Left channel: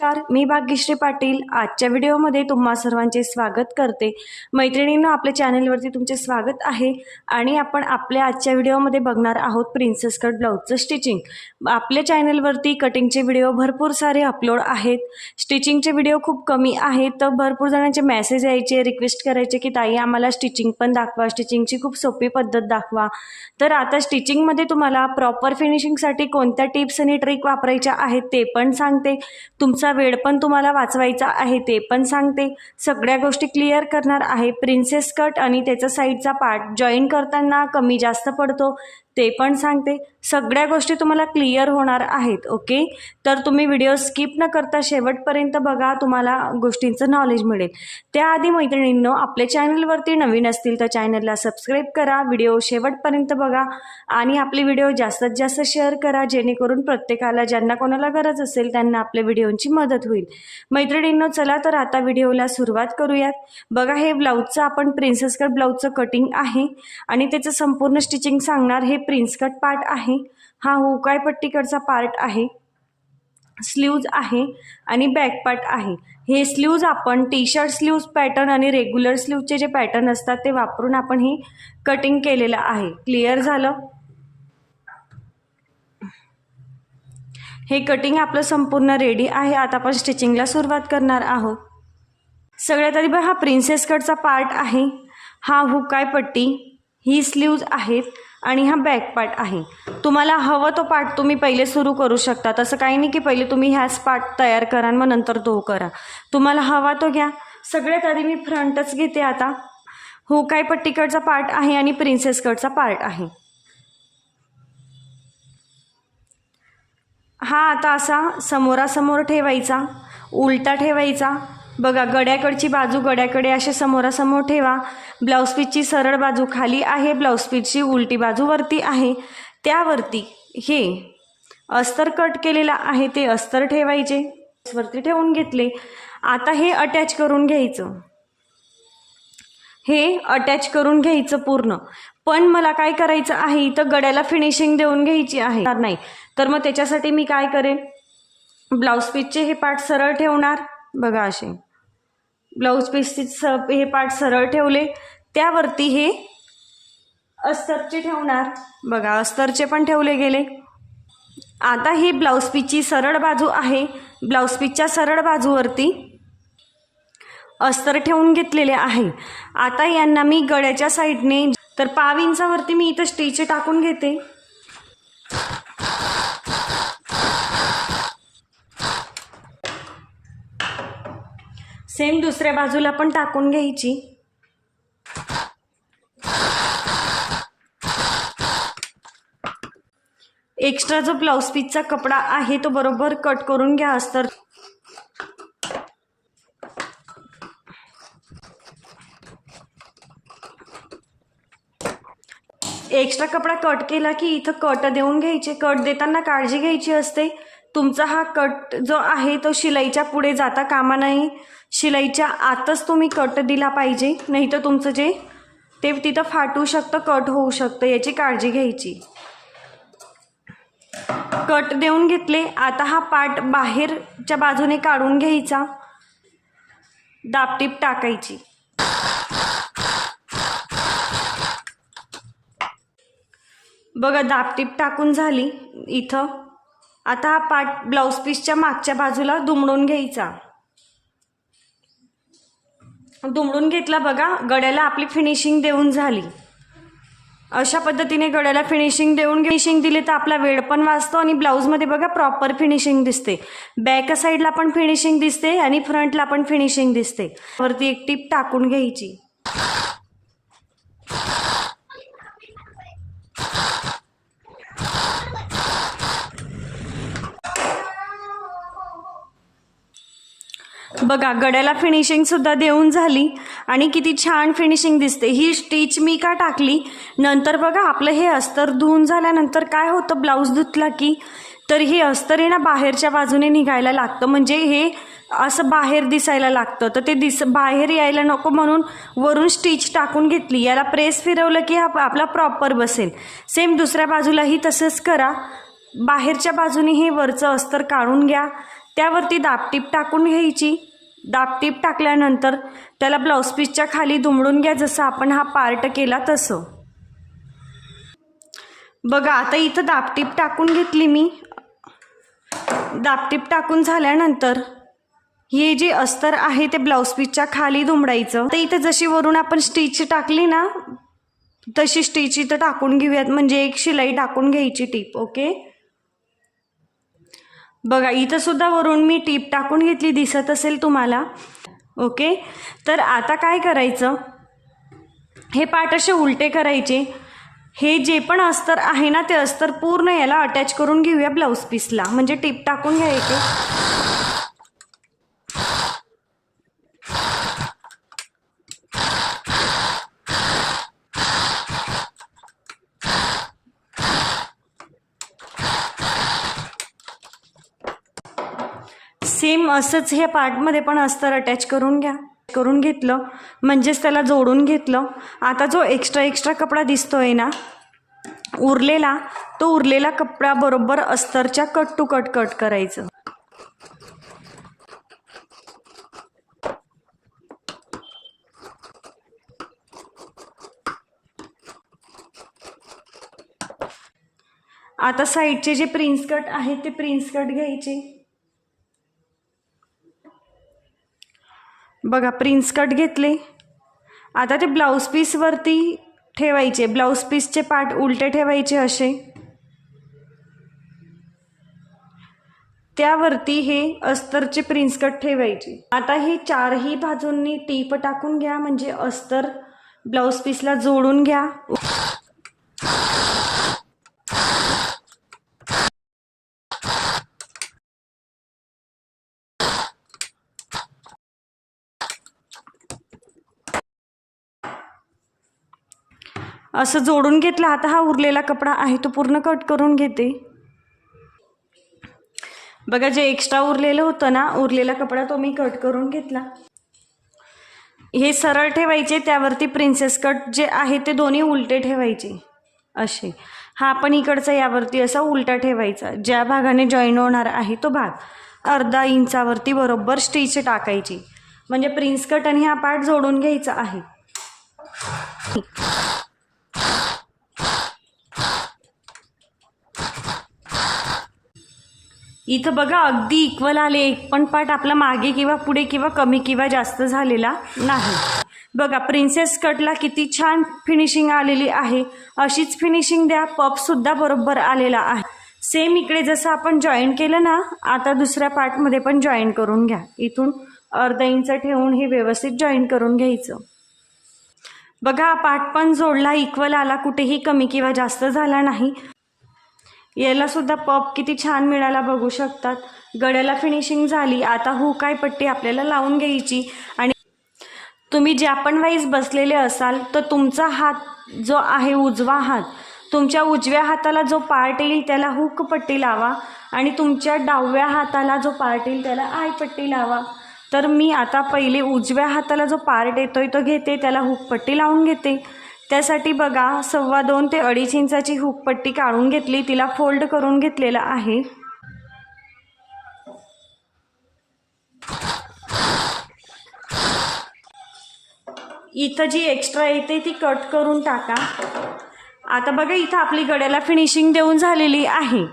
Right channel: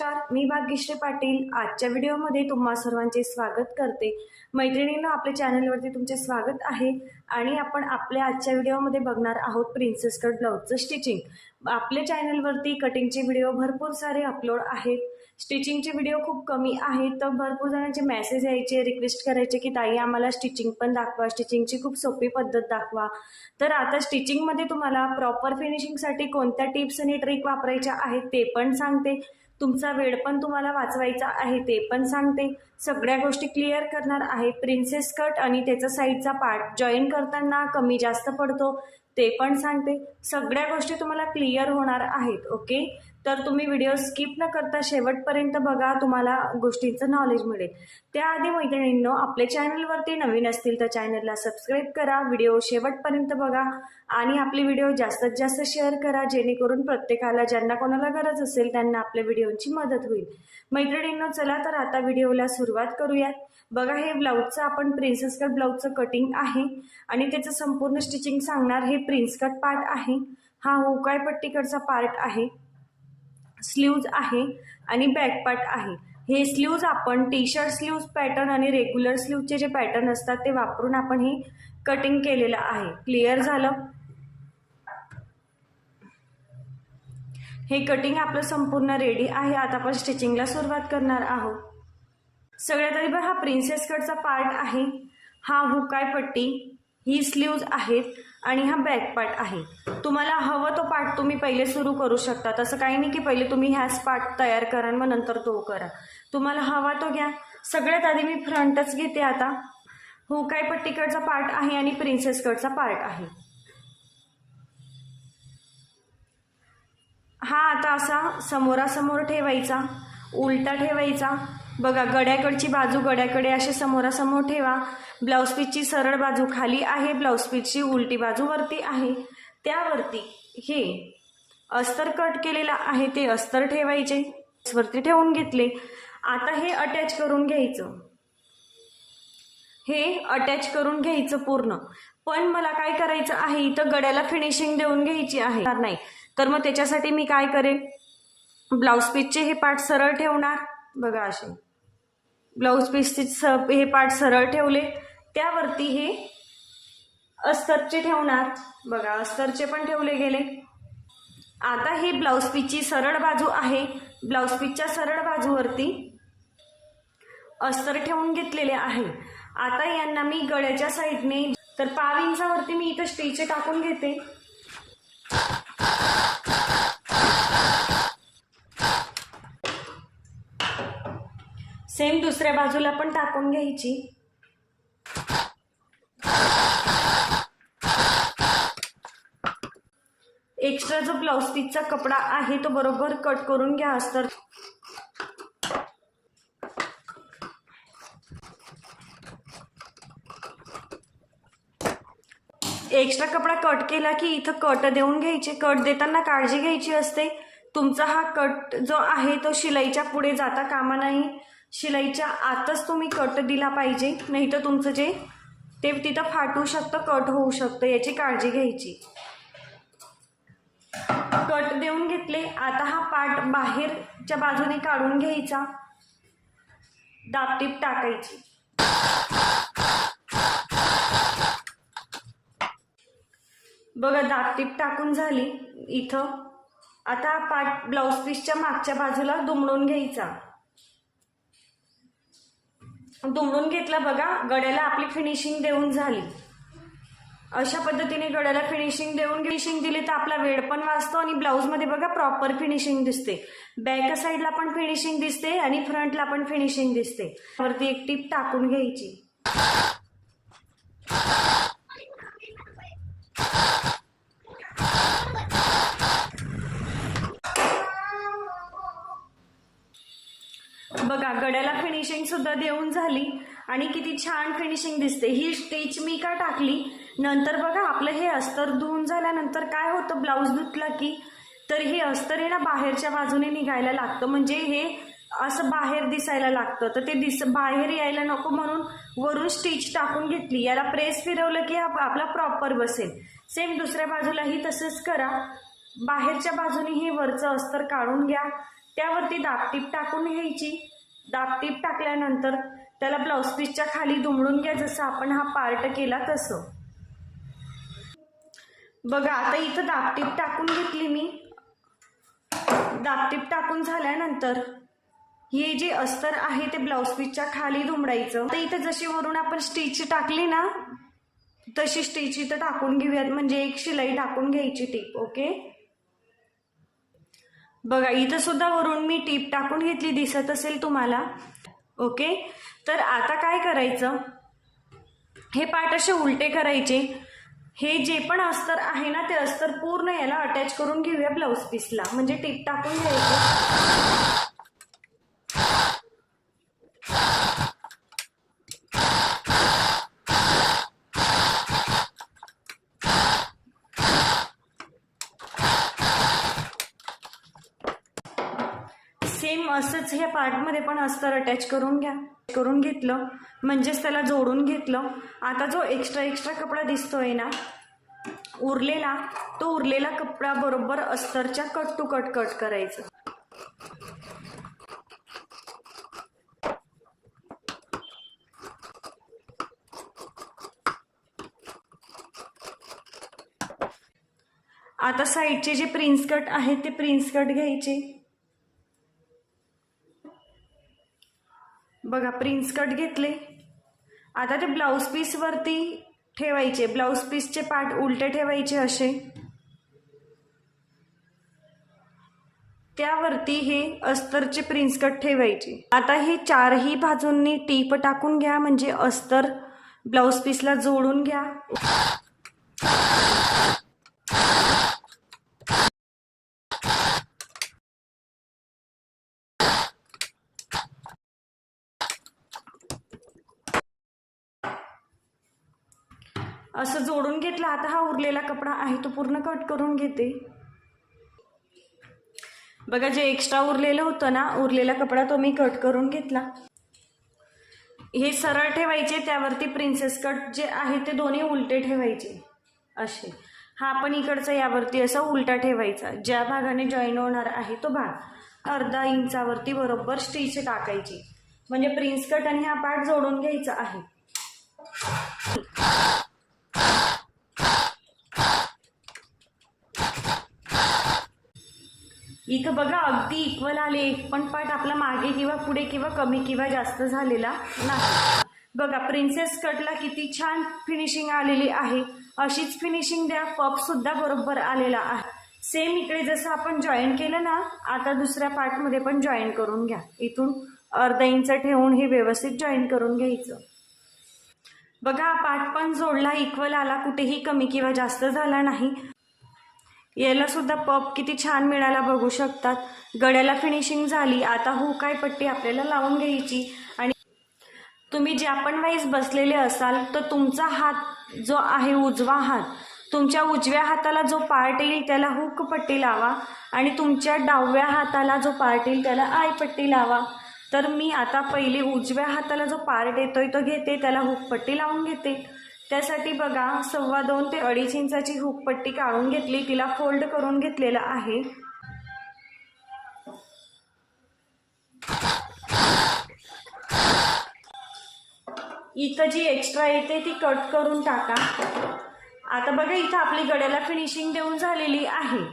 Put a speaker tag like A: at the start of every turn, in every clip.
A: नमस्कार मी भाग्यश्री पाटील. आजच्या व्हिडिओमध्ये तुम्हा सर्वांचे स्वागत करते. मैत्रिणींना आपल्या चॅनलवरती तुमचे स्वागत आहे आणि आपण आपल्या आजच्या व्हिडिओमध्ये बघणार आहोत प्रिन्सेस कट ब्लाऊजचं स्टिचिंग आपल्या चॅनलवरती कटिंगचे व्हिडिओ भरपूर सारे अपलोड आहेत. स्टिचिंगचे व्हिडिओ खूप कमी आहेत तर भरपूर जणांचे मेसेज यायचे रिक्वेस्ट करायचे की ताई आम्हाला स्टिचिंग पण दाखवा. स्टिचिंगची खूप सोपी पद्धत दाखवा. तर आता स्टिचिंगमध्ये तुम्हाला प्रॉपर फिनिशिंगसाठी कोणत्या टिप्स आणि ट्रिक वापरायच्या आहेत ते पण सांगते. तुमचा वेळ पण तुम्हाला वाचवायचा आहे ते पण सांगते. सगळ्या गोष्टी क्लिअर करणार आहे. प्रिन्सेस कट आणि त्याचा साईडचा पार्ट जॉईन करताना कमी जास्त पडतो. ते पण सांगते. सगळ्या गोष्टी तुम्हाला क्लिअर होणार आहेत ओके? तर तुम्ही व्हिडिओ स्किप न करता शेवटपर्यंत बघा तुम्हाला गोष्टींचं नॉलेज मिळेल. त्याआधी मैत्रिणींनो आपल्या चॅनलवरती नवीन असतील तर चॅनलला सबस्क्राईब करा व्हिडिओ शेवटपर्यंत बघा आणि आपले व्हिडिओ जास्तीत जास्त शेअर करा जेणेकरून प्रत्येकाला ज्यांना कोणाला गरज असेल त्यांना आपल्या व्हिडिओची मदत होईल. मैत्रिणींनो चला तर आता व्हिडिओला सुरुवात करूयात. बघा हे ब्लाऊजचं आपण प्रिन्सेस कट ब्लाऊजचं कटिंग आहे आणि त्याचं संपूर्ण स्टिचिंग सांगणार हे प्रिन्स कट पार्ट आहे. हा हुकाय पट्टीकडचा पार्ट आहे. स्लीव्ज आहे आणि बॅक पार्ट आहे. हे स्लीव्ज आपण टी शर्ट स्लीव्ज पॅटर्न आणि रेग्युलर स्लीवचे जे पॅटर्न असतात ते वापरून आपण हे कटिंग केलेलं आहे. क्लिअर झालं? हे कटिंग आपलं संपूर्ण रेडी आहे. आता आपण स्टिचिंगला सुरुवात करणार आहोत. सगळ्यात आधी बघा हा प्रिन्सेस कटचा पार्ट आहे. हा हुकाय पट्टी ही स्लीव्ज आहेत. आणि हा बॅक पार्ट आहे. तुम्हाला हवं तो पार्ट तुम्ही पहिले सुरू करू शकता. तसं काही नाही की पहिले तुम्ही ह्याच पार्ट तयार करा मग नंतर तो करा. तुम्हाला हवा तो घ्या. सगळ्यात आधी मी फ्रंटच घेते आता. हो, हुकाय पट्टीकडचा पार्ट आहे आणि प्रिन्सेस कटचा पार्ट आहे. हा आता असा समोरासमोर ठेवायचा. उलटा ठेवायचा. बघा गड्याकडची बाजू गड्याकडे असे समोरासमोर ठेवा. ब्लाऊज पीसची सरळ बाजू खाली आहे ब्लाऊज पीसची उलटी बाजू वरती आहे. त्यावरती हे अस्तर कट केलेलं आहे ते अस्तर ठेवायचे. वरती ठेवून घेतले. आता हे अटॅच करून घ्यायचं. हे अटॅच करून घ्यायचं पूर्ण. पण मला काय करायचं आहे इथं गड्याला फिनिशिंग देऊन घ्यायची आहे. नाही. तर मग त्याच्यासाठी मी काय करेन? ब्लाऊज पीसचे हे पार्ट सरळ ठेवणार. बघा असे. ब्लाऊज पीसचे स हे पार्ट सरळ ठेवले. त्यावरती हे अस्तरचे ठेवणार. बघा अस्तरचे पण ठेवले गेले. आता ही ब्लाऊज पीसची सरळ बाजू आहे. ब्लाऊज पीसच्या सरळ बाजूवरती अस्तर ठेवून घेतलेले आहे. आता यांना मी गळ्याच्या साईडने तर पाव इंचावरती मी इथं स्टेचे टाकून घेते. सेम दुसऱ्या बाजूला पण टाकून घ्यायची. एक्स्ट्रा जो ब्लाऊज पीसचा कपडा आहे तो बरोबर कट करून घ्या अस्तर. एक्स्ट्रा कपडा कट केला की इथं कट देऊन घ्यायचे. कट देताना काळजी घ्यायची असते. तुमचा हा कट जो आहे तो शिलाईच्या पुढे जाता कामा नाही. शिलाईच्या आतच तुम्ही कट दिला पाहिजे नाही तर तुमचं जे ते तिथं फाटू शकतं कट होऊ शकतं याची काळजी घ्यायची. कट देऊन घेतले आता हा पार्ट बाहेरच्या बाजूने काढून घ्यायचा. दापटीप टाकायची. बघा दापटीप टाकून झाली इथं. आता हा पार्ट ब्लाऊज पीसच्या मागच्या बाजूला दुमडून घ्यायचा. दुमडून घेतला बघा गड्याला आपली फिनिशिंग देऊन झाली. अशा पद्धतीने गड्याला फिनिशिंग देऊन फिनिशिंग दिली तर आपला वेळ पण वाचतो आणि ब्लाऊजमध्ये बघा प्रॉपर फिनिशिंग दिसते. बॅक साईडला पण फिनिशिंग दिसते आणि फ्रंटला पण फिनिशिंग दिसते. वरती एक टीप टाकून घ्यायची. बघा गड्याला फिनिशिंग सुद्धा देऊन झाली आणि किती छान फिनिशिंग दिसते. ही स्टिच मी का टाकली? नंतर बघा आपलं हे अस्तर धुवून झाल्यानंतर काय होतं ब्लाऊज धुतला की तर हे अस्तर आहे ना बाहेरच्या बाजूने निघायला लागतं. म्हणजे हे असं बाहेर दिसायला लागतं. तर ते दिस बाहेर यायला नको म्हणून वरून स्टिच टाकून घेतली. याला प्रेस फिरवलं की हा आपला प्रॉपर बसेल. सेम दुसऱ्या बाजूलाही तसंच करा. बाहेरच्या बाजूने हे वरचं अस्तर काढून घ्या. त्यावरती दापटीप टाकून घ्यायची. दापटीप टाकल्यानंतर त्याला ब्लाऊज पीसच्या खाली दुमडून घ्या जसं आपण हा पार्ट केला तसं. बघा आता इथं दापटीप टाकून घेतली मी. दापटीप टाकून झाल्यानंतर हे जे अस्तर आहे ते ब्लाऊज पीसच्या खाली दुमडायचं. तर इथं जशी वरून आपण स्टिच टाकली ना तशी स्टिच इथं टाकून घेऊयात. म्हणजे एक शिलाई टाकून घ्यायची टीप ओके? बघा इथं सुद्धा वरून मी टीप टाकून घेतली दिसत असेल तुम्हाला. ओके? तर आता काय करायचं? हे पाठ असे उलटे करायचे. हे जे पण अस्तर आहे ना ते अस्तर पूर्ण याला अटॅच करून घेऊया ब्लाऊज पीसला म्हणजे टीप टाकून घ्यायचे. सेम असंच हे पार्टमध्ये पण अस्तर अटॅच करून घ्या. करून घेतलं म्हणजेच त्याला जोडून घेतलं. आता जो एक्स्ट्रा एक्स्ट्रा कपडा दिसतोय ना उरलेला तो उरलेला कपडा बरोबर अस्तरच्या कट टू कट कट करायचं. आता साईडचे जे प्रिन्स कट आहेत ते प्रिन्स कट घ्यायचे. बघा प्रिन्स कट घेतले. आता ते ब्लाऊज पीसवरती ठेवायचे. ब्लाऊज पीसचे पार्ट उलटे ठेवायचे असे. त्यावरती हे अस्तरचे प्रिन्स कट ठेवायचे. आता हे चारही बाजूंनी टीप टाकून घ्या. म्हणजे अस्तर ब्लाऊज पीसला जोडून घ्या. असं जोडून घेतलं आता हा उरलेला कपडा आहे तो पूर्ण कट करून घेते. बघा जे एक्स्ट्रा उरलेलं होतं ना उरलेला कपडा तो मी कट करून घेतला. हे सरळ ठेवायचे त्यावरती प्रिन्सेस कट जे आहे ते दोन्ही उलटे ठेवायचे. असे. हा पण इकडचा यावरती असा उलटा ठेवायचा. ज्या भागाने जॉईन होणार आहे तो भाग. अर्धा इंचावरती बरोबर स्टिच टाकायची. म्हणजे प्रिन्स कट आणि हा पार्ट जोडून घ्यायचा आहे. इथं बघा अगदी इक्वल आले. एक पण पार्ट आपला मागे किंवा पुढे किंवा कमी किंवा जास्त झालेला नाही. बघा प्रिन्सेस कटला किती छान फिनिशिंग आलेली आहे. अशीच फिनिशिंग द्या पपसुद्धा बरोबर आलेला आहे. सेम इकडे जसं आपण जॉईन केलं ना आता दुसऱ्या पार्टमध्ये पण जॉईन करून घ्या. इथून अर्धा इंच ठेवून हे व्यवस्थित जॉईन करून घ्यायचं. बघा पाठ पण जोडला इक्वल आला कुठेही कमी किंवा जास्त झाला नाही. याला सुद्धा पप किती छान मिळाला बघू शकतात. गड्याला फिनिशिंग झाली आता हू काय पट्टी आपल्याला लावून घ्यायची? आणि तुम्ही ज्या पण वाईज बसलेले असाल तर तुमचा हात जो आहे उजवा हात. तुमच्या उजव्या हाताला जो पार्ट येईल त्याला हुक पट्टी लावा. आणि तुमच्या डाव्या हाताला जो पार्ट येईल त्याला आय पट्टी लावा. तर मी आता पहिले उजव्या हाताला जो पार्ट येतो आहे तो घेते त्याला हुकपट्टी लावून घेते. त्यासाठी बघा सव्वा दोन ते अडीच इंचाची हुकपट्टी काढून घेतली तिला फोल्ड करून घेतलेला आहे. इथं जी एक्स्ट्रा येते ती कट करून टाका. आता बघा इथं आपली गड्याला फिनिशिंग देऊन झालेली आहे.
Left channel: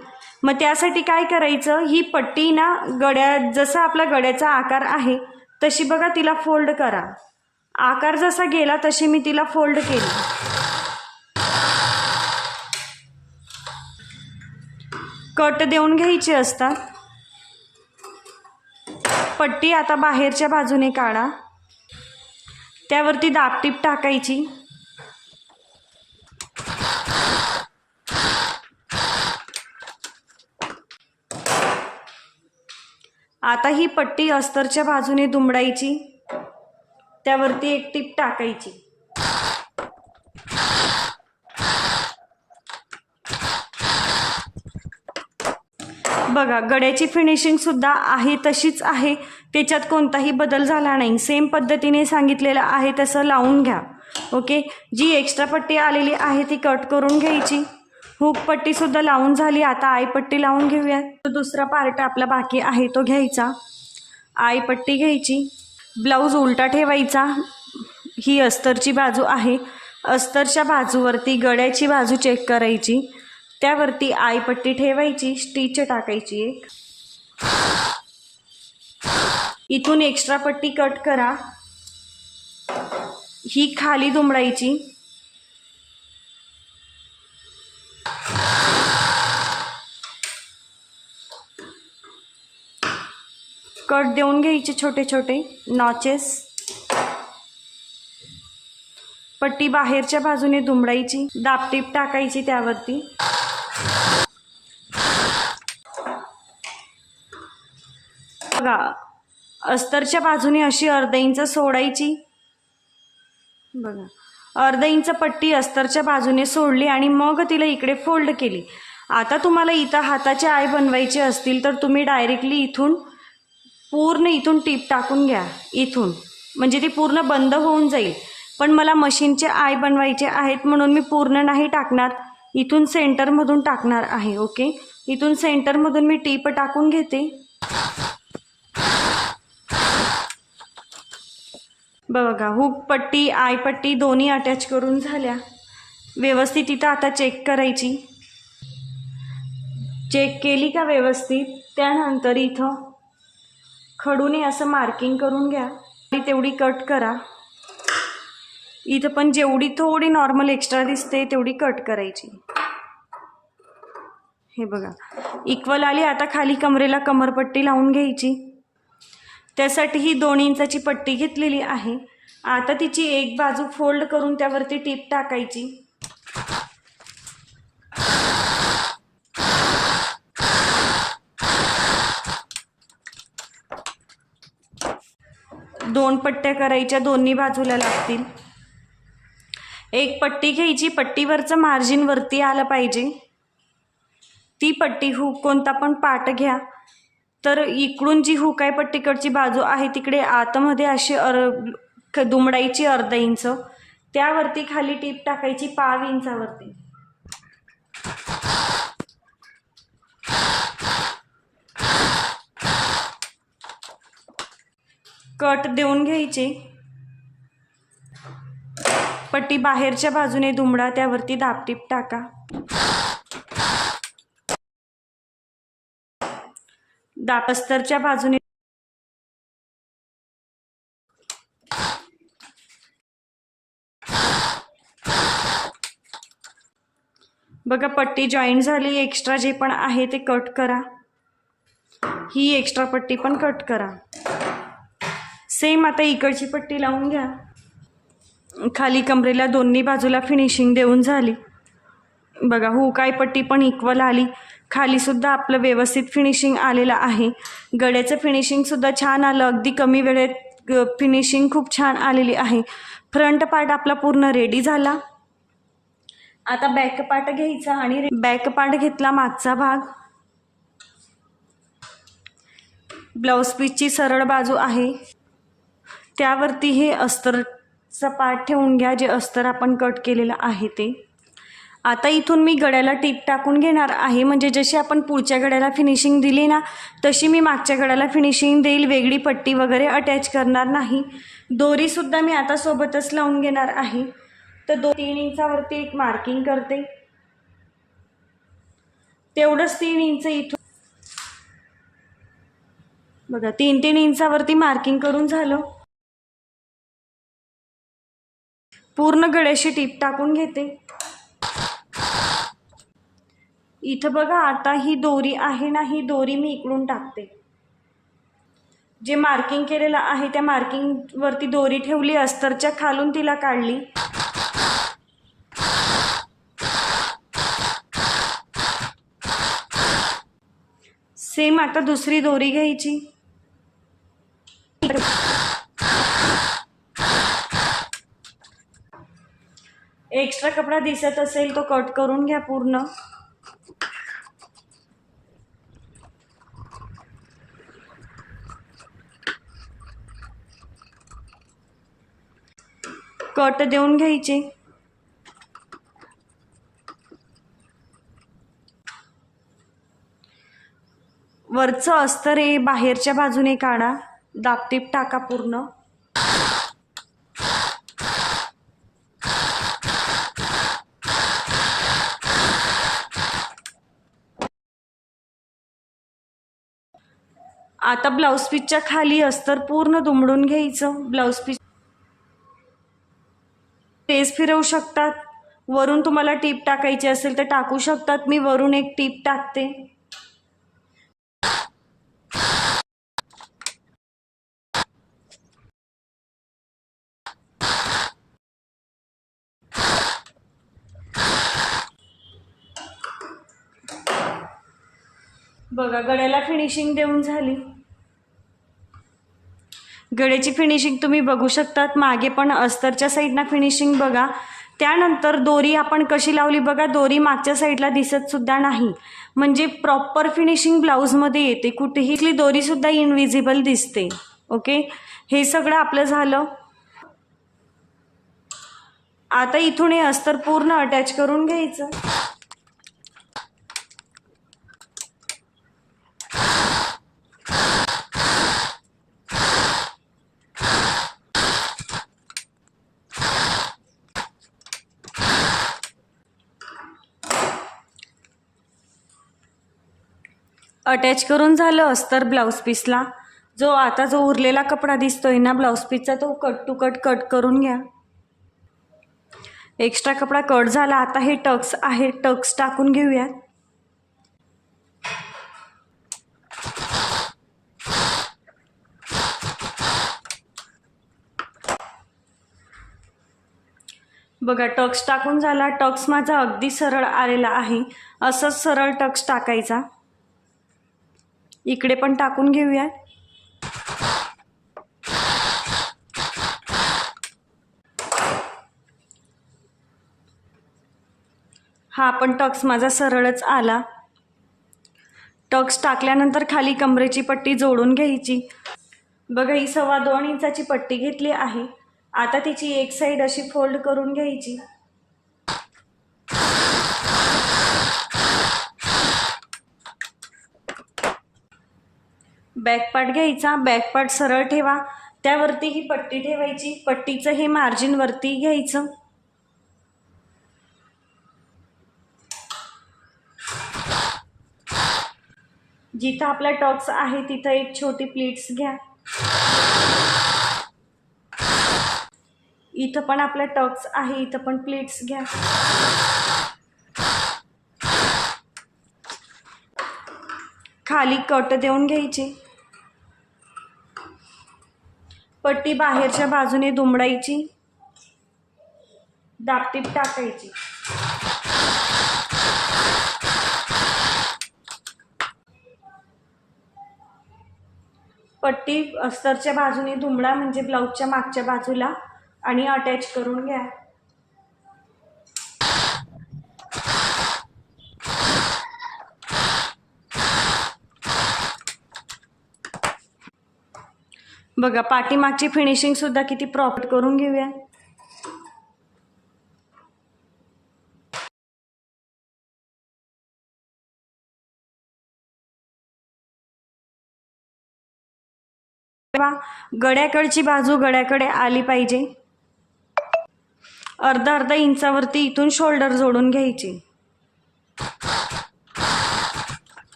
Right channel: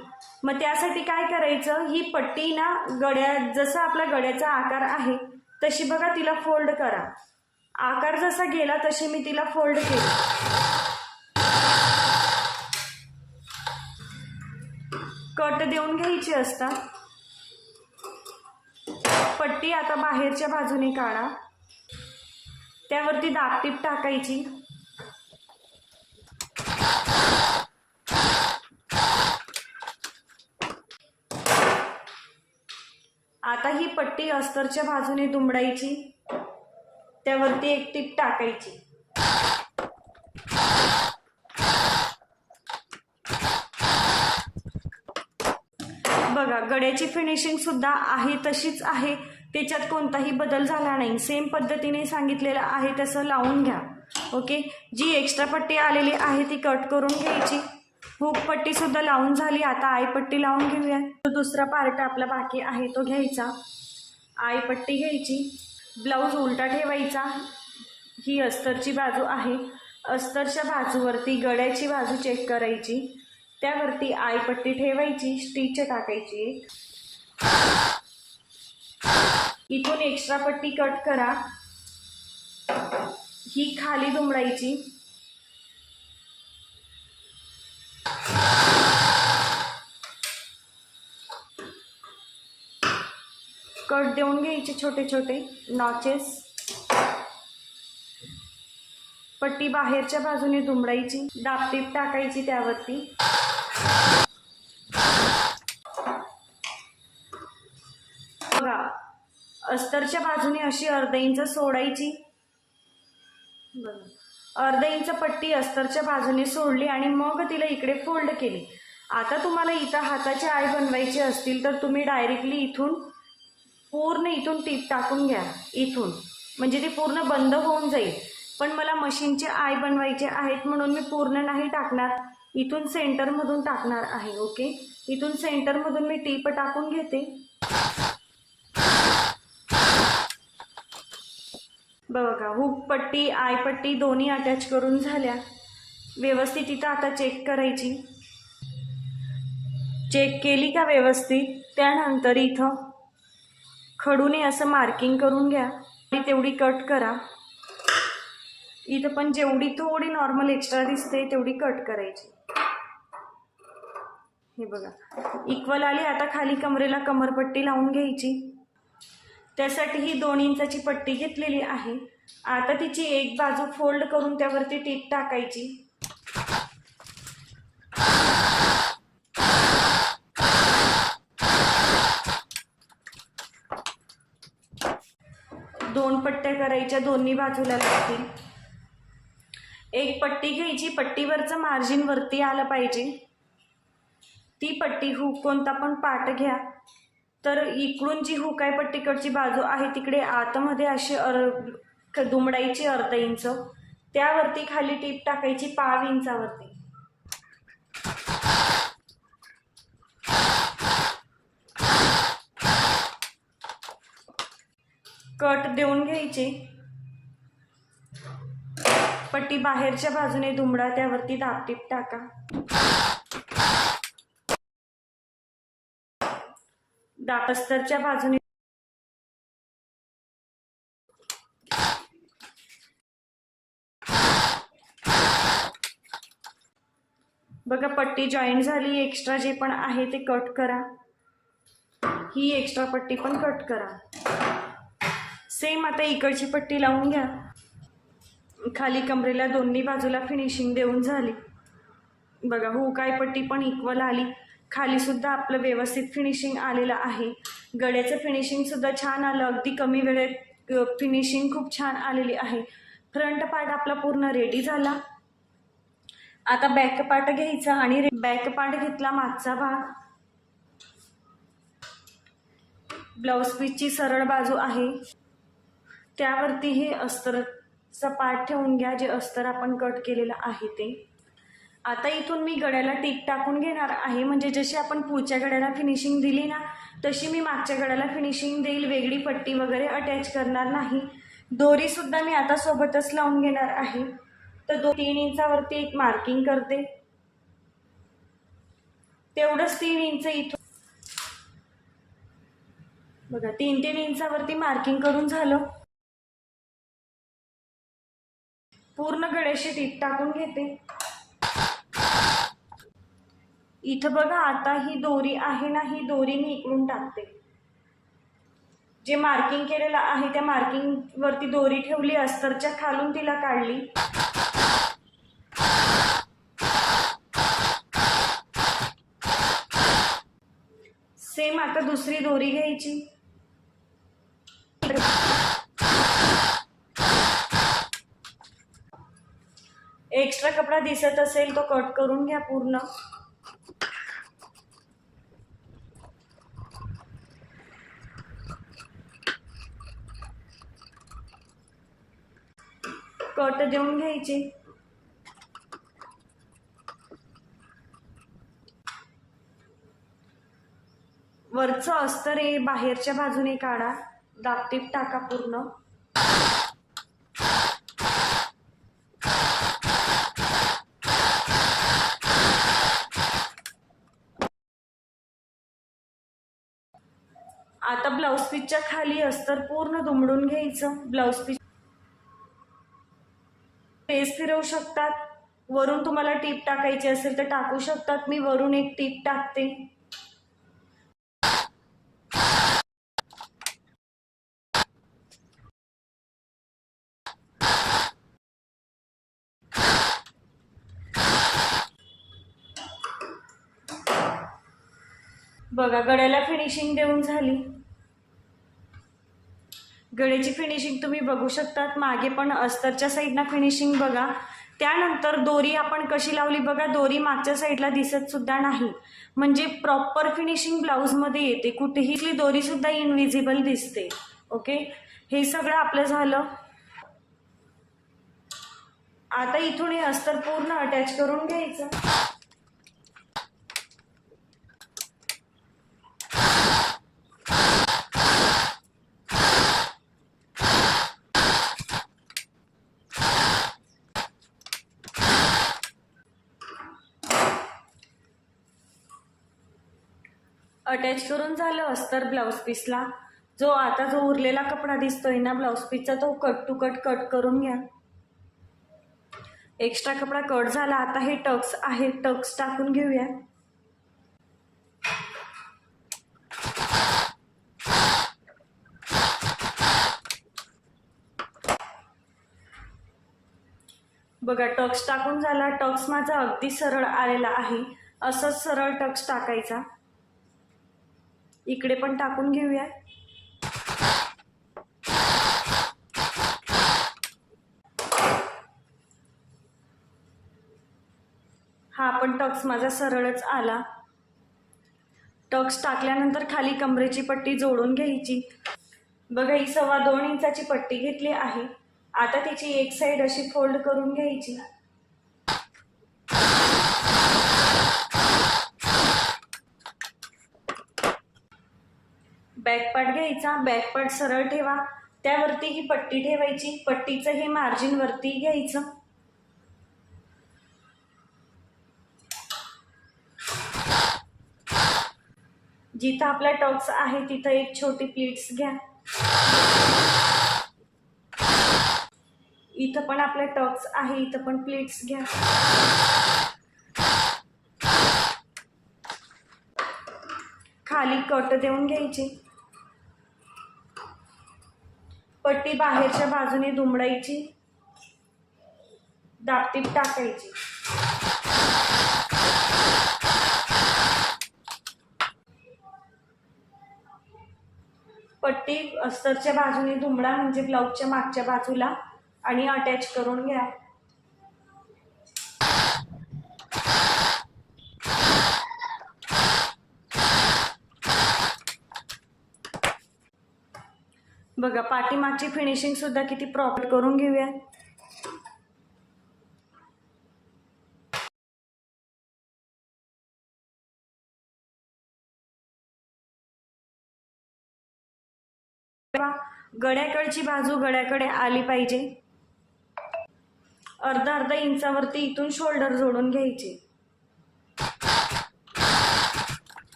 A: मग त्यासाठी काय करायचं? ही पट्टी ना गड्या जसा आपला गड्याचा आकार आहे तशी बघा तिला फोल्ड करा. आकार जसा गेला तशी मी तिला फोल्ड केली. कट देऊन घ्यायचे असतात पट्टी आता बाहेरच्या बाजूने काढा. त्यावरती दापटीप टाकायची. आता ही पट्टी अस्तरच्या बाजूने दुमडायची. त्यावरती एक टीप टाकायची. बघा गड्याची फिनिशिंग सुद्धा आहे तशीच आहे. त्याच्यात कोणताही बदल झाला नाही. सेम पद्धतीने सांगितलेलं आहे तसं लावून घ्या. ओके जी एक्स्ट्रा पट्टी आलेली आहे ती कट करून घ्यायची. हुक पट्टी सुद्धा लावून झाली. आता आईपट्टी लावून घेऊया. तो दुसरा पार्ट आपला बाकी आहे तो घ्यायचा. आईपट्टी घ्यायची. ब्लाऊज उलटा ठेवायचा. ही अस्तरची बाजू आहे. अस्तरच्या बाजूवरती गळ्याची बाजू चेक करायची. त्यावरती आईपट्टी ठेवायची. स्टिच टाकायची एक. इथून एक्स्ट्रा पट्टी कट करा. ही खाली दुमडायची. कट देऊन घ्यायचे छोटे छोटे नॉचेस. पट्टी बाहेरच्या बाजूने दुमडायची दापटीप टाकायची त्यावरती. बघा अस्तरच्या बाजूने अशी अर्धा इंच सोडायची. बघा. अर्ध इंच पट्टी अस्तरच्या बाजूने सोडली आणि मग तिला इकडे फोल्ड केली. आता तुम्हाला इथं हाताचे आय बनवायचे असतील तर तुम्ही डायरेक्टली इथून पूर्ण इथून टीप टाकून घ्या इथून. म्हणजे ती पूर्ण बंद होऊन जाईल. पण मला मशीनचे आय बनवायचे आहेत म्हणून मी पूर्ण नाही टाकणार. इथून सेंटरमधून टाकणार आहे ओके? इथून सेंटरमधून मी टीप टाकून घेते. बघा हुक पट्टी आय पट्टी दोन्ही अटॅच करून झाल्या. व्यवस्थित इथं आता चेक करायची. चेक केली का व्यवस्थित? त्यानंतर इथं खडूने असं मार्किंग करून घ्या. आणि तेवढी कट करा. इथं पण जेवढी थोडी नॉर्मल एक्स्ट्रा दिसते तेवढी कट करायची. हे बघा. इक्वल आली आता खाली कमरेला कमरपट्टी लावून घ्यायची. त्यासाठी ही दोन इंचाची पट्टी घेतलेली आहे. आता तिची एक बाजू फोल्ड करून त्यावरती टीप टाकायची. दोन पट्ट्या करायच्या दोन्ही बाजूला लागतील. एक पट्टी घ्यायची पट्टीवरचं मार्जिन वरती आलं पाहिजे. ती पट्टी हुक कोणता पण पाट घ्या. तर इकडून जी हुकाय पट्टीकडची बाजू आहे तिकडे आतमध्ये अशी अर दुमडायची अर्धा इंच त्यावरती खाली टीप टाकायची पाव इंचावरती. कट देऊन घ्यायचे. पट्टी बाहेरच्या बाजूने दुमडा त्यावरती दाबटीप टाका. दापस्तरच्या बाजूने बघा पट्टी जॉईंट झाली. एक्स्ट्रा जे पण आहे ते कट करा. ही एक्स्ट्रा पट्टी पण कट करा. सेम आता इकडची पट्टी लावून घ्या. खाली कमरेला दोन्ही बाजूला फिनिशिंग देऊन झाली. बघा हो काय पट्टी पण इक्वल आली. खालीसुद्धा आपलं व्यवस्थित फिनिशिंग आलेलं आहे. गड्याचं फिनिशिंगसुद्धा छान आलं. अगदी कमी वेळेत फिनिशिंग खूप छान आलेली आहे. फ्रंट पार्ट आपला पूर्ण रेडी झाला. आता बॅक पार्ट घ्यायचा आणि बॅक पार्ट घेतला मागचा भाग. ब्लाऊज पीसची सरळ बाजू आहे. त्यावरती हे अस्तरचा पार्ट ठेवून घ्या जे अस्तर आपण कट केलेलं आहे ते. आता इथून मी गड्याला टीप टाकून घेणार आहे. म्हणजे जशी आपण पुढच्या गड्याला फिनिशिंग दिली ना तशी मी मागच्या गड्याला फिनिशिंग देईल. वेगळी पट्टी वगैरे अटॅच करणार नाही. दोरीसुद्धा मी आता सोबतच लावून घेणार आहे. तर दो तीन इंचावरती एक मार्किंग करते. तेवढंच तीन इंच इथून बघा तीन तीन इंचावरती मार्किंग करून झालं. पूर्ण गड्याशी टीप टाकून घेते. इथं बघा आता ही दोरी आहे ना ही दोरी मी इकडून टाकते. जे मार्किंग केलेलं आहे त्या मार्किंगवरती दोरी ठेवली अस्तरच्या खालून तिला काढली. सेम आता दुसरी दोरी घ्यायची. एक्स्ट्रा कपडा दिसत असेल तो कट करून घ्या पूर्ण. डॉट देऊन घ्यायचे. वरचं अस्तर हे बाहेरच्या बाजूने काढा. दाबटीप टाका पूर्ण. आता ब्लाऊज पीचच्या खाली अस्तर पूर्ण दुमडून घ्यायचं. ब्लाऊज पीस पेज फिरवू शकतात. वरून तुम्हाला टीप टाकायची असेल तर टाकू शकतात. मी वरून एक टीप टाकते. बघा गळ्याला फिनिशिंग देऊन झाली. गळ्याची फिनिशिंग तुम्ही बघू शकतात. मागे पण अस्तरच्या साईडनं फिनिशिंग बघा. त्यानंतर दोरी आपण कशी लावली बघा. दोरी मागच्या साईडला दिसत सुद्धा नाही. म्हणजे प्रॉपर फिनिशिंग ब्लाऊजमध्ये येते. कुठेही इथली दोरीसुद्धा इनविजिबल दिसते. ओके हे सगळं आपलं झालं. आता इथून हे अस्तर पूर्ण अटॅच करून घ्यायचं. अटॅच करून झालं अस्तर ब्लाऊज पीसला. जो आता जो उरलेला कपडा दिसतोय ना ब्लाऊज पीसचा तो कट टू कट कट करून घ्या. एक्स्ट्रा कपडा कट झाला आता हे टक्स आहे टक्स टाकून घेऊया. बघा टक्स टाकून झाला टक्स माझा अगदी सरळ आलेला आहे. असंच सरळ टक्स टाकायचा. इकडे पण टाकून घेऊया. हा पण टक्स माझा सरळच आला. टक्स टाकल्यानंतर खाली कमरेची पट्टी जोडून घ्यायची. बघा ही सव्वा दोन इंचाची पट्टी घेतली आहे. आता तिची एक साईड अशी फोल्ड करून घ्यायची. बॅक पार्ट घ्यायचा बॅक पार्ट सरळ ठेवा त्यावरती ही पट्टी ठेवायची पट्टीचं हे मार्जिनवरती घ्यायचं. जिथं आपला टॉक्स आहे तिथं एक छोटी प्लीट्स घ्या. इथं पण आपला टॉक्स आहे इथं पण प्लीट्स घ्या. खाली कट देऊन घ्यायची. पट्टी बाहेरच्या बाजूने दुमडायची. दापटीत टाकायची. पट्टी अस्तरच्या बाजूने दुमडा म्हणजे ब्लाऊजच्या मागच्या बाजूला आणि अटॅच करून घ्या. बघा पाठीमागची फिनिशिंग सुद्धा किती प्रॉपर करून घेऊया. गड्याकडची बाजू गड्याकडे आली पाहिजे. अर्धा अर्धा इंचावरती इथून शोल्डर जोडून घ्यायची.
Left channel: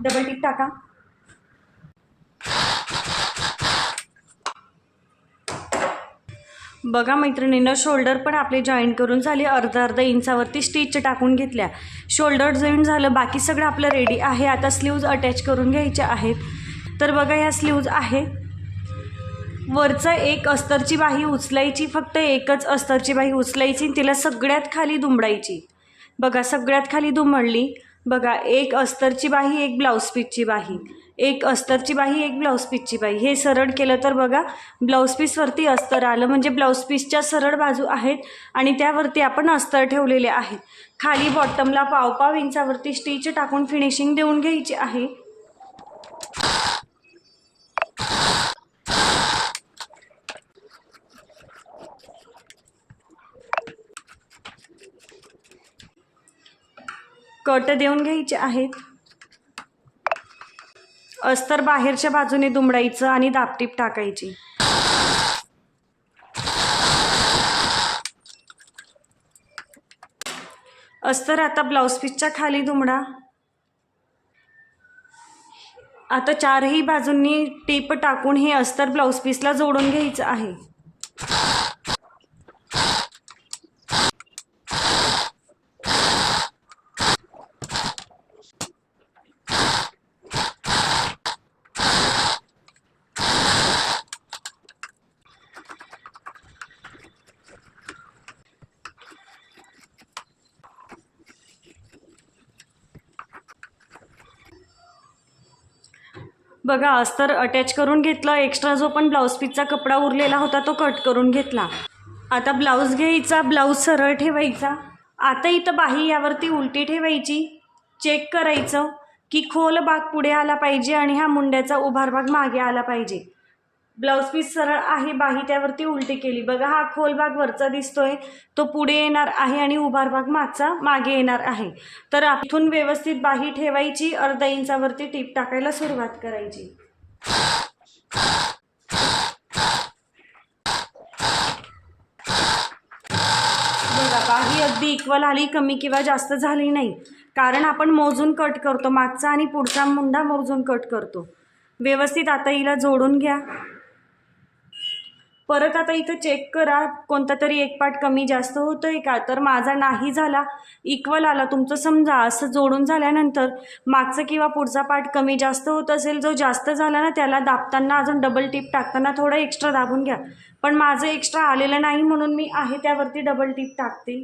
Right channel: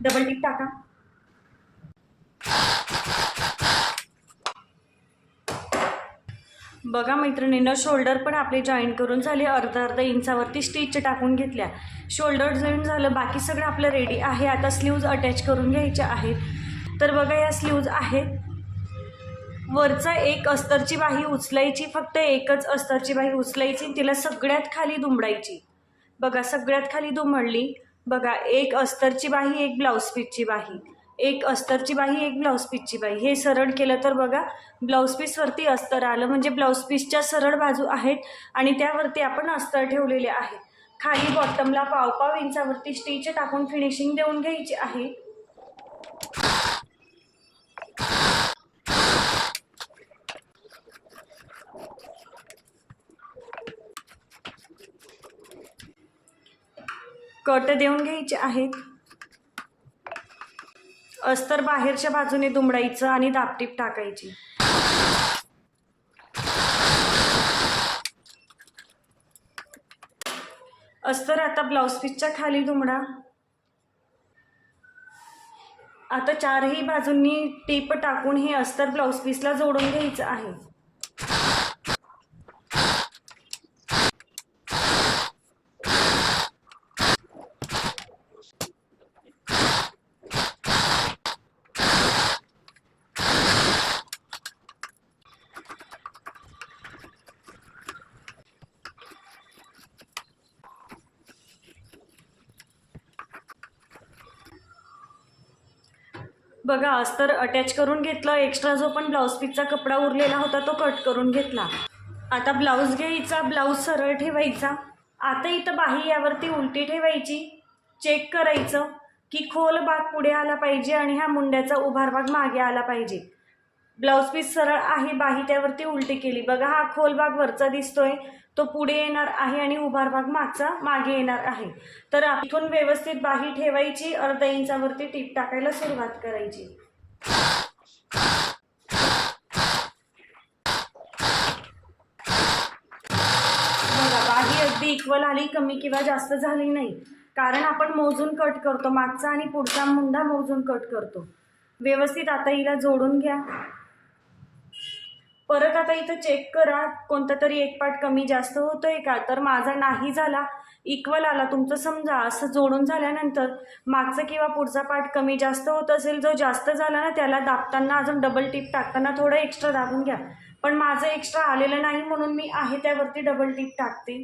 A: डबल टिक टाका. बघा मैत्रिणीनं शोल्डर पण आपले जॉईन करून झाले अर्धा अर्धा इंचावरती स्टिच टाकून घेतल्या. शोल्डर जॉईन झालं बाकी सगळं आपलं रेडी आहे. आता स्लीव्ज अटॅच करून घ्यायचे आहेत. तर बघा या स्लीव्ज आहेत. वरचं एक अस्तरची बाही उचलायची फक्त एकच अस्तरची बाही उचलायची तिला सगळ्यात खाली दुमडायची. बघा सगळ्यात खाली दुमडली. बघा एक अस्तरची बाही एक ब्लाऊज पीसची बाही. एक अस्तरची बाही एक ब्लाऊज पीसची बाही हे सरळ केलं तर बघा ब्लाऊज पीसवरती अस्तर आलं. म्हणजे ब्लाऊज पीसच्या सरळ बाजू आहेत आणि त्यावरती आपण अस्तर ठेवलेले आहेत. खाली बॉटमला पावपाव इंचावरती स्टिच टाकून फिनिशिंग देऊन घ्यायची आहे. कट देऊन घ्यायचे आहेत. अस्तर बाहेरच्या बाजूने दुमडायचं आणि दापटीप टाकायची. अस्तर आता ब्लाऊज पीसच्या खाली दुमडा. आता चारही बाजूंनी टेप टाकून हे अस्तर ब्लाऊज पीसला जोडून घ्यायचं आहे. बघा अस्तर अटॅच करून घेतलं एक्स्ट्रा जो पण ब्लाऊज पीसचा कपडा उरलेला होता तो कट करून घेतला. आता ब्लाऊज घ्यायचा ब्लाऊज सरळ ठेवायचा. आता इथं बाही यावरती उलटी ठेवायची. चेक करायचं की खोल भाग पुढे आला पाहिजे आणि हा मुंड्याचा उभार भाग मागे आला पाहिजे. ब्लाऊज पीस सरळ आहे बाही त्यावरती उलटी केली. बघा हा खोल भाग वरचा दिसतोय. तो पुढे येणार आहे आणि उभार भाग मागचा मागे येणार आहे. तर इथून व्यवस्थित बाही ठेवायची अर्धा इंचावरती टीप टाकायला सुरुवात करायची. बघा बाही अगदी इक्वल आली कमी किंवा जास्त झाली नाही. कारण आपण मोजून कट करतो मागचा आणि पुढचा मुंडा मोजून कट करतो. व्यवस्थित आता हिला जोडून घ्या. परत आता इथं चेक करा. कोणता तरी एक पार्ट कमी जास्त होतोय का? तर माझा नाही झाला. इक्वल आला. तुमचं समजा असं जोडून झाल्यानंतर मागचा किंवा पुढचा पार्ट कमी जास्त होत असेल जो जास्त झाला ना त्याला दाबताना अजून डबल टिप टाकताना थोडं एक्स्ट्रा दाबून घ्या. पण माझं एक्स्ट्रा आलेलं नाही म्हणून मी आहे त्यावरती डबल टिप टाकते.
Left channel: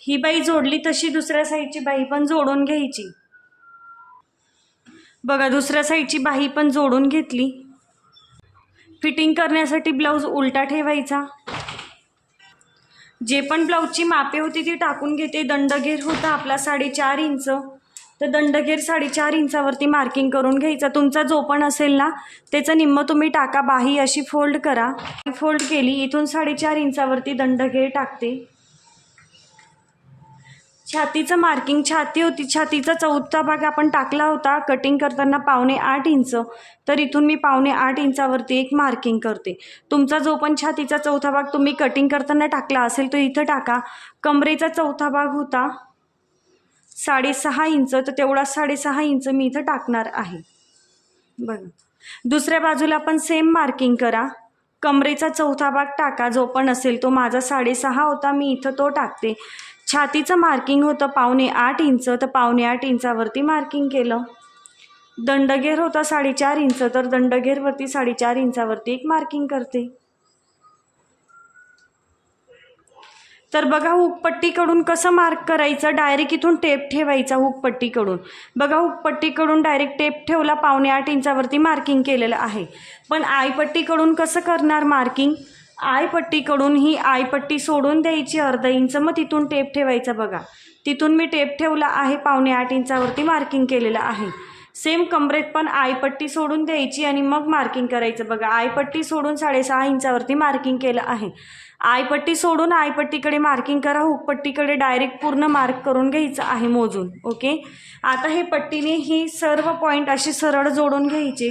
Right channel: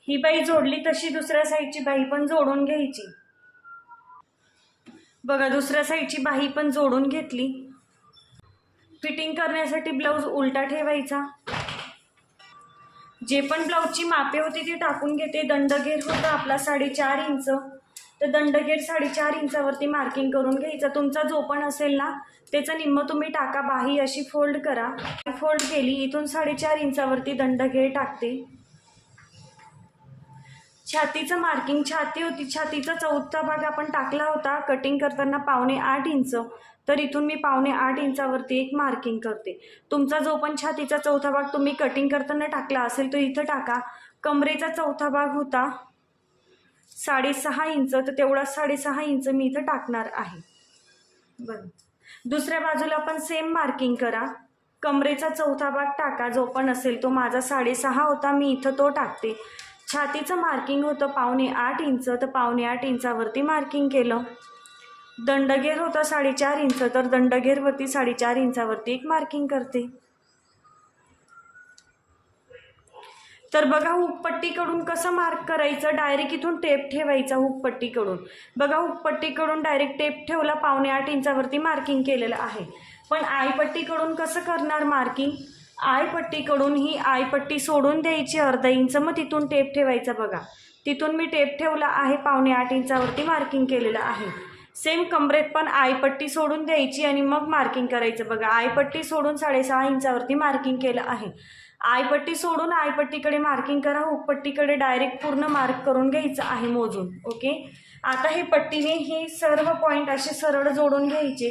A: ही बाई जोडली तशी दुसऱ्या साईडची बाई पण जोडून घ्यायची. बघा दुसऱ्या साईडची बाही पण जोडून घेतली. फिटिंग करण्यासाठी ब्लाऊज उलटा ठेवायचा. जे पण ब्लाऊजची मापे होती ती टाकून घेते. दंडगेर होता आपला साडेचार इंच. तर दंडगेर साडेचार इंचावरती मार्किंग करून घ्यायचा. तुमचा जो पण असेल ना त्याचं निम्म तुम्ही टाका. बाही अशी फोल्ड करा. फोल्ड केली इथून साडेचार इंचावरती दंडगेर टाकते. छातीचं मार्किंग छाती होती. छातीचा चौथा भाग आपण टाकला होता. कटिंग करताना पावणे आठ इंच. तर इथून मी पावणे आठ इंचावरती एक मार्किंग करते. तुमचा जो पण छातीचा चौथा भाग तुम्ही कटिंग करताना टाकला असेल तो इथं टाका. कमरेचा चौथा भाग होता साडेसहा इंच. तर तेवढा साडेसहा इंच मी इथं टाकणार आहे. बघा. दुसऱ्या बाजूला पण सेम मार्किंग करा. कमरेचा चौथा भाग टाका. जो पण असेल तो माझा साडेसहा होता. मी इथं तो टाकते. छातीचं मार्किंग होतं पावणे आठ इंच तर पावणे आठ इंचावरती मार्किंग केलं. दंडगेर होता साडेचार इंच तर दंडगेरवरती साडेचार इंचावरती एक मार्किंग करते. तर बघा हुकपट्टीकडून कसं मार्क करायचं? डायरेक्ट इथून टेप ठेवायचा हुकपट्टीकडून. बघा हुकपट्टीकडून डायरेक्ट टेप ठेवला पावणे आठ इंचावरती मार्किंग केलेलं आहे. पण आयपट्टीकडून कसं करणार मार्किंग आयपट्टीकडून ही आयपट्टी सोडून द्यायची अर्धा इंच. मग तिथून टेप ठेवायचा बघा. तिथून मी टेप ठेवला आहे पावणे आठ इंचावरती मार्किंग केलेलं आहे. सेम कमरेत पण आयपट्टी सोडून द्यायची आणि मग मार्किंग करायचं बघा. आयपट्टी सोडून साडेसहा इंचावरती मार्किंग केलं आहे. आयपट्टी सोडून आयपट्टीकडे मार्किंग करा हुकपट्टीकडे डायरेक्ट पूर्ण मार्क करून घ्यायचं आहे मोजून ओके आता हे पट्टीने ही सर्व पॉईंट अशी सरळ जोडून घ्यायचे.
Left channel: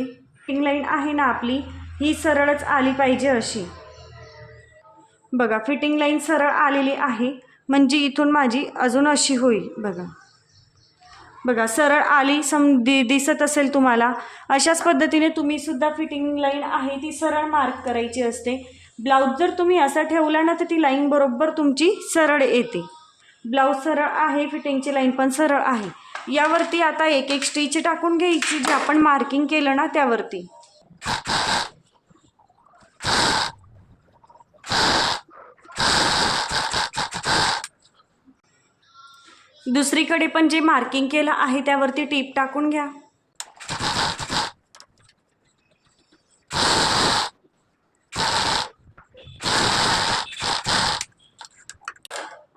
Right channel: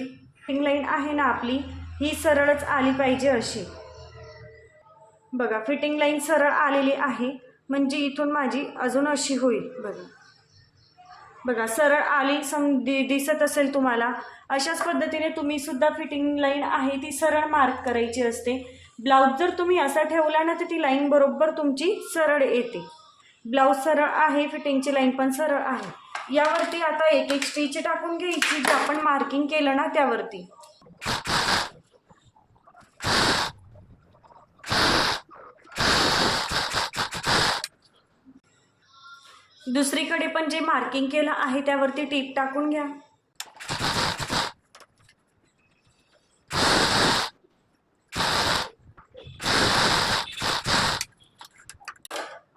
A: लाईन आहे ना आपली? ही सरळच आली पाहिजे अशी. बघा फिटिंग लाईन सरळ आलेली आहे. म्हणजे इथून माझी अजून अशी होईल. बघा. बघा सरळ आली सम दि दिसत असेल तुम्हाला. अशाच पद्धतीने तुम्ही सुद्धा फिटिंग लाईन आहे ती सरळ मार्क करायची असते. ब्लाऊज जर तुम्ही असा ठेवला ना तर ती लाईन बरोबर तुमची सरळ येते. ब्लाऊज सरळ आहे फिटिंगची लाईन पण सरळ आहे. यावरती आता एक एक स्टिच टाकून घ्यायची जे आपण मार्किंग केलं ना त्यावरती. दुसरीकडे पण जे मार्किंग केलं आहे त्यावरती टीप टाकून घ्या.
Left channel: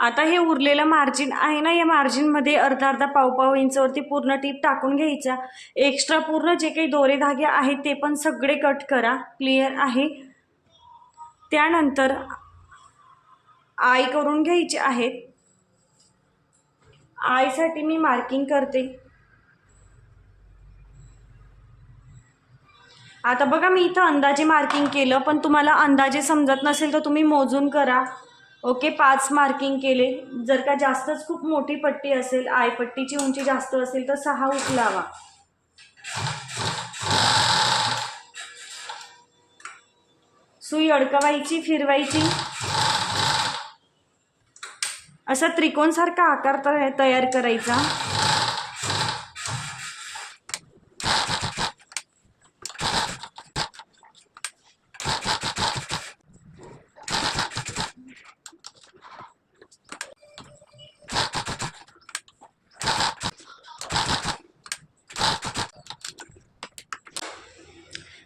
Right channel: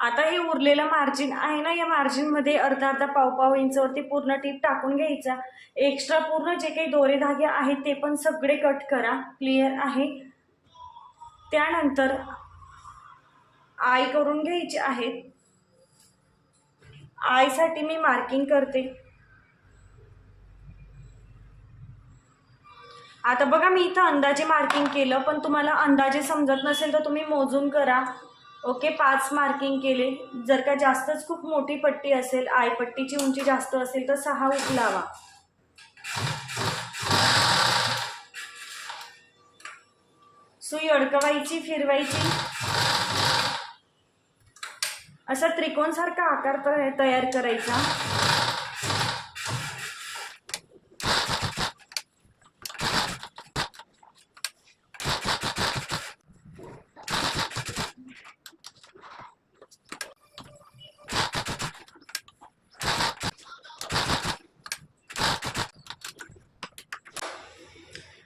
A: आता हे उरलेलं मार्जिन आहे ना या मार्जिनमध्ये अर्धा अर्धा पाव पाव इंचवरती पूर्ण टीप टाकून घ्यायचा. एक्स्ट्रा पूर्ण जे काही दोरे धागे आहेत ते पण सगळे कट करा. क्लिअर आहे? त्यानंतर आय करून घ्यायचे आहेत. आयसाठी मी मार्किंग करते. आता बघा मी इथं अंदाजे मार्किंग केलं पण तुम्हाला अंदाजे समजत नसेल तर तुम्ही मोजून करा. ओके पाच मार्किंग केले. जर का जास्तच खूप मोठी पट्टी असेल आय पट्टीची उंची जास्त असेल तर सहा उचलावा सुई अडकवायची फिरवायची. असा त्रिकोणसारखा आकार तर तयार करायचा.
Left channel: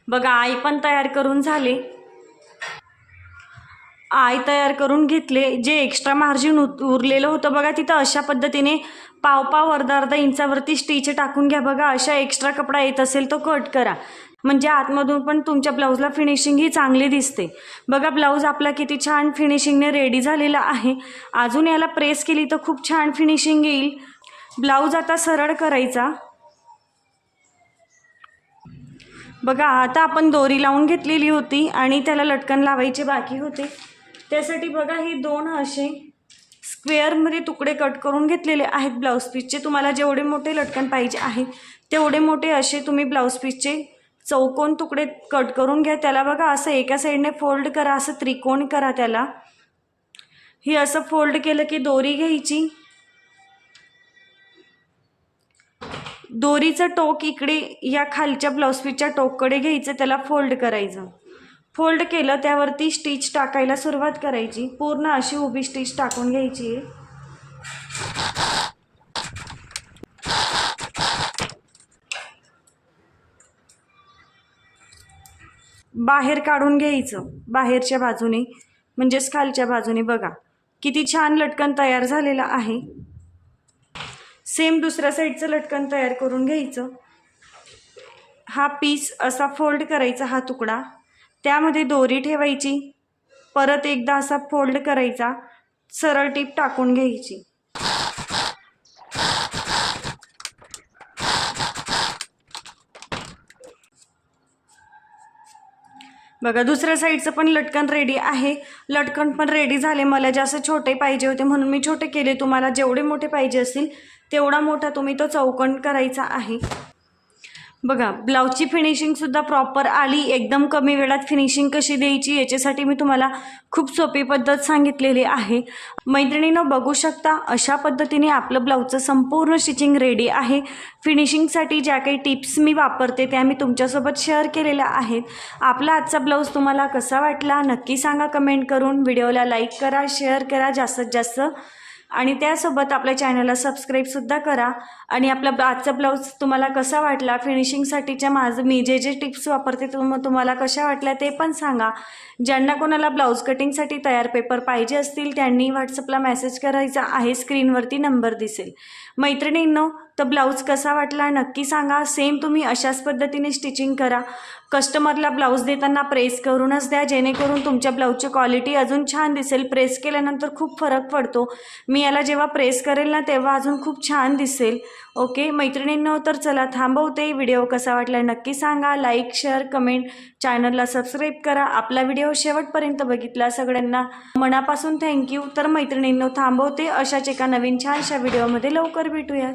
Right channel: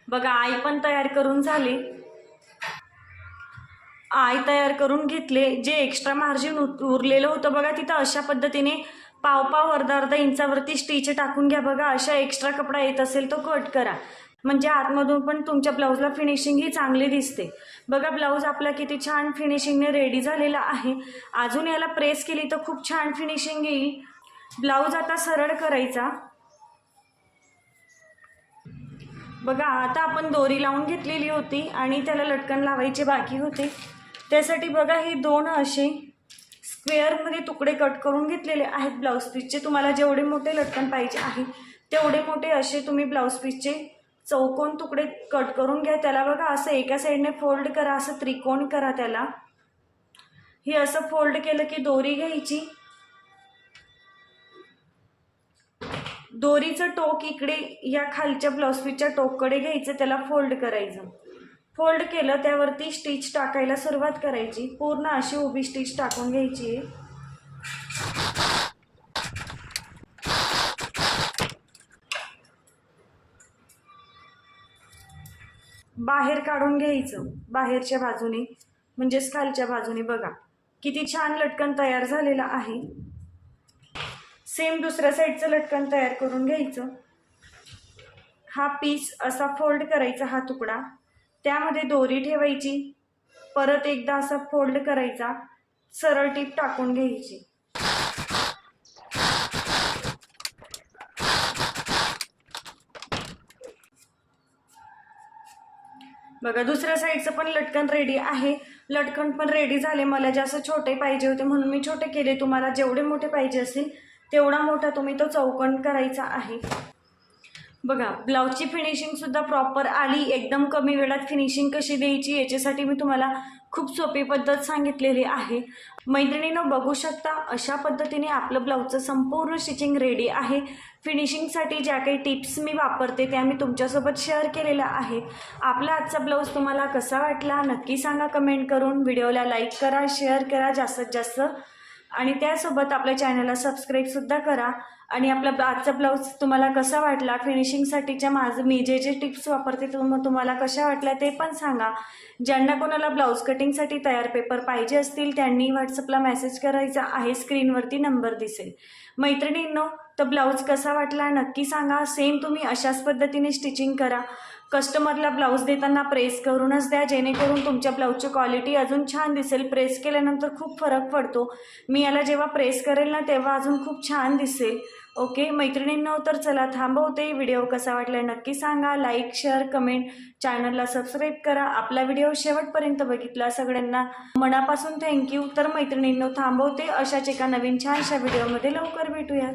A: बघा आई पण तयार करून झाले. आय तयार करून घेतले. जे एक्स्ट्रा मार्जिन उरलेलं होतं बघा तिथं अशा पद्धतीने पाव पाव अर्धा अर्धा इंचावरती स्टिच टाकून घ्या बघा. अशा एक्स्ट्रा कपडा येत असेल तो कट करा. म्हणजे आतमधून पण तुमच्या ब्लाऊजला फिनिशिंग ही चांगली दिसते. बघा ब्लाऊज आपला किती छान फिनिशिंगने रेडी झालेला आहे. अजून याला प्रेस केली तर खूप छान फिनिशिंग येईल. ब्लाऊज आता सरळ करायचा. बघा आता आपण दोरी लावून घेतलेली होती आणि त्याला लटकन लावायचे बाकी होते. त्यासाठी बघा हे दोन असे स्क्वेअरमध्ये तुकडे कट करून घेतलेले आहेत ब्लाऊज पीसचे. तुम्हाला जेवढे मोठे लटकन पाहिजे आहेत तेवढे मोठे असे तुम्ही ब्लाऊज पीसचे चौकोन तुकडे कट करून घ्या. त्याला बघा असं एका साईडने फोल्ड करा असं त्रिकोण करा त्याला. हे असं फोल्ड केलं की दोरी घ्यायची. दोरीचं टोक इकडे या खालच्या ब्लाऊज पीसच्या टोककडे घ्यायचं त्याला फोल्ड करायचं. फोल्ड केलं त्यावरती स्टिच टाकायला सुरुवात करायची. पूर्ण अशी उभी स्टिच टाकून घ्यायची. आहे बाहेर काढून घ्यायचं. बाहेरच्या बाजूने म्हणजेच खालच्या बाजूने बघा. किती छान लटकन तयार झालेलं आहे. सेम दुसऱ्या साईडचं लटकन तयार करून घ्यायचं. हा पीस असा फोल्ड करायचा हा तुकडा. त्यामध्ये दोरी ठेवायची परत एकदा असा फोल्ड करायचा सरळ टीप टाकून घ्यायची. बघा दुसऱ्या साईडचं पण लटकन रेडी आहे. लटकन पण रेडी झाले. मला जास्त छोटे पाहिजे होते म्हणून मी छोटे केले. तुम्हाला जेवढे मोठे पाहिजे असतील तेवढा मोठा तुम्ही तो चौकण करायचा आहे. बघा ब्लाऊजची फिनिशिंगसुद्धा प्रॉपर आली एकदम कमी वेळात फिनिशिंग कशी द्यायची याच्यासाठी मी तुम्हाला खूप सोपी पद्धत सांगितलेली आहे. मैत्रिणीनं बघू शकता अशा पद्धतीने आपलं ब्लाऊजचं संपूर्ण स्टिचिंग रेडी आहे. फिनिशिंगसाठी ज्या काही टिप्स मी वापरते त्या मी तुमच्यासोबत शेअर केलेल्या आहेत. आपला आजचा ब्लाऊज तुम्हाला कसा वाटला नक्की सांगा कमेंट करून. व्हिडिओला लाईक करा शेअर करा जास्तीत जास्त आणि त्यासोबत आपल्या चॅनलला सबस्क्राईबसुद्धा करा. आणि आपला आजचा ब्लाऊज तुम्हाला कसा वाटला? फिनिशिंगसाठीच्या माझं मी जे जे टिप्स वापरते तुम तुम्हाला कशा वाटल्या ते पण सांगा. ज्यांना कोणाला ब्लाऊज कटिंगसाठी तयार पेपर पाहिजे असतील त्यांनी व्हॉट्सअपला मेसेज करायचा आहे. स्क्रीनवरती नंबर दिसेल. मैत्रिणींनो तर ब्लाऊज कसा वाटला नक्की सांगा. सेम तुम्ही अशाच पद्धतीने स्टिचिंग करा. कस्टमरला ब्लाऊज देताना प्रेस करूनच द्या. जेणेकरून तुमच्या ब्लाऊजची क्वालिटी अजून छान दिसेल. प्रेस केल्यानंतर खूप फरक पडतो. मी याला जेव्हा प्रेस करेल ना तेव्हा अजून खूप छान दिसेल. ओके? मैत्रिणींनो तर चला थांबवते. व्हिडिओ कसा वाटला नक्की सांगा. लाईक शेअर कमेंट चॅनलला सबस्क्राईब करा. आपला व्हिडिओ शेवटपर्यंत बघितला सगळ्यांना मनापासून थँक्यू. तर मैत्रिणींनो थांबवते. अशाच एका नवीन छानशा व्हिडिओमध्ये लवकर भेटूयात.